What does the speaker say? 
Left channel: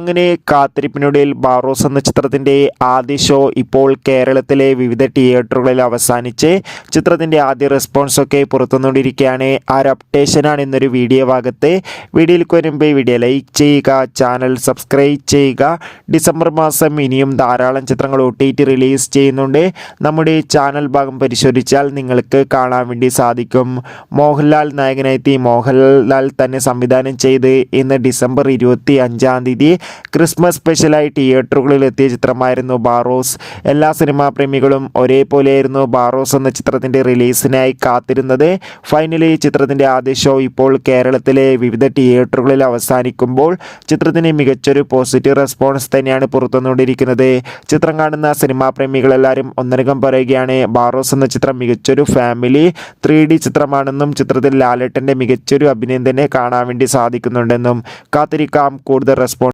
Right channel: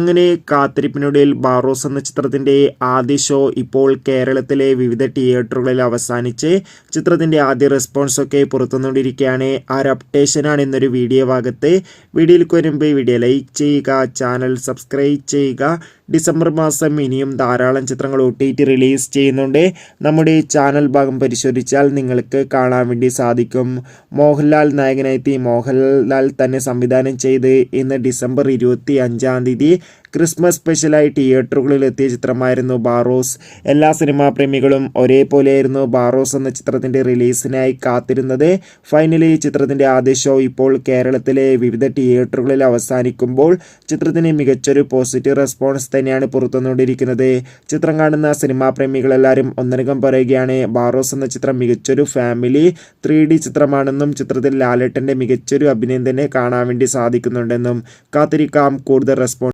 അങ്ങനെ കാത്തിരിപ്പിനൊടുവിൽ ബാറോസ് എന്ന ചിത്രത്തിൻ്റെ ആദ്യ ഷോ ഇപ്പോൾ കേരളത്തിലെ വിവിധ തിയേറ്ററുകളിൽ അവസാനിച്ച് ചിത്രത്തിൻ്റെ ആദ്യ റെസ്പോൺസൊക്കെ പുറത്തുവന്നുകൊണ്ടിരിക്കുകയാണ്. ആ ഒരു അപ്ഡേഷനാണ് ഇന്നൊരു വീഡിയോ ഭാഗത്ത്. വീഡിയോയിലേക്ക് വരുമ്പോൾ വീഡിയോ ലൈക്ക് ചെയ്യുക, ചാനൽ സബ്സ്ക്രൈബ് ചെയ്യുക. ഡിസംബർ മാസം ഇനിയും ധാരാളം ചിത്രങ്ങൾ OTT റിലീസ് ചെയ്യുന്നുണ്ട്. നമ്മുടെ ചാനൽ ഭാഗം പരിശോധിച്ചാൽ നിങ്ങൾക്ക് കാണാൻ വേണ്ടി സാധിക്കും. മോഹൻലാൽ നായകനെത്തി മോഹൻലാൽ തന്നെ സംവിധാനം ചെയ്ത് ഇന്ന് ഡിസംബർ 25 ക്രിസ്മസ് സ്പെഷ്യലായി തിയേറ്ററുകളിൽ എത്തിയ ചിത്രമായിരുന്നു ബാറോസ്. എല്ലാ സിനിമാ പ്രേമികളും ഒരേപോലെയായിരുന്നു ബാറോസ് എന്ന ചിത്രത്തിൻ്റെ റിലീസിനായി കാത്തിരുന്നത്. ഫൈനലി ചിത്രത്തിൻ്റെ ആദ്യ ഷോ ഇപ്പോൾ കേരളത്തിലെ വിവിധ തിയേറ്ററുകളിൽ അവസാനിക്കുമ്പോൾ ചിത്രത്തിന് മികച്ചൊരു പോസിറ്റീവ് റെസ്പോൺസ് തന്നെയാണ് പുറത്തുവന്നുകൊണ്ടിരിക്കുന്നത്. ചിത്രം കാണുന്ന സിനിമാ പ്രേമികളെല്ലാവരും ഒന്നടങ്കം പറയുകയാണ് ബാറോസ് എന്ന ചിത്രം മികച്ചൊരു ഫാമിലി 3D ചിത്രമാണെന്നും ചിത്രത്തിൽ ലാലേട്ടൻ്റെ മികച്ചൊരു അഭിനയം തന്നെ കാണാൻ വേണ്ടി സാധിക്കുന്നുണ്ടെന്നും. കാത്തിരിക്കാം കൂടുതൽ റെസ്പോൺസ്.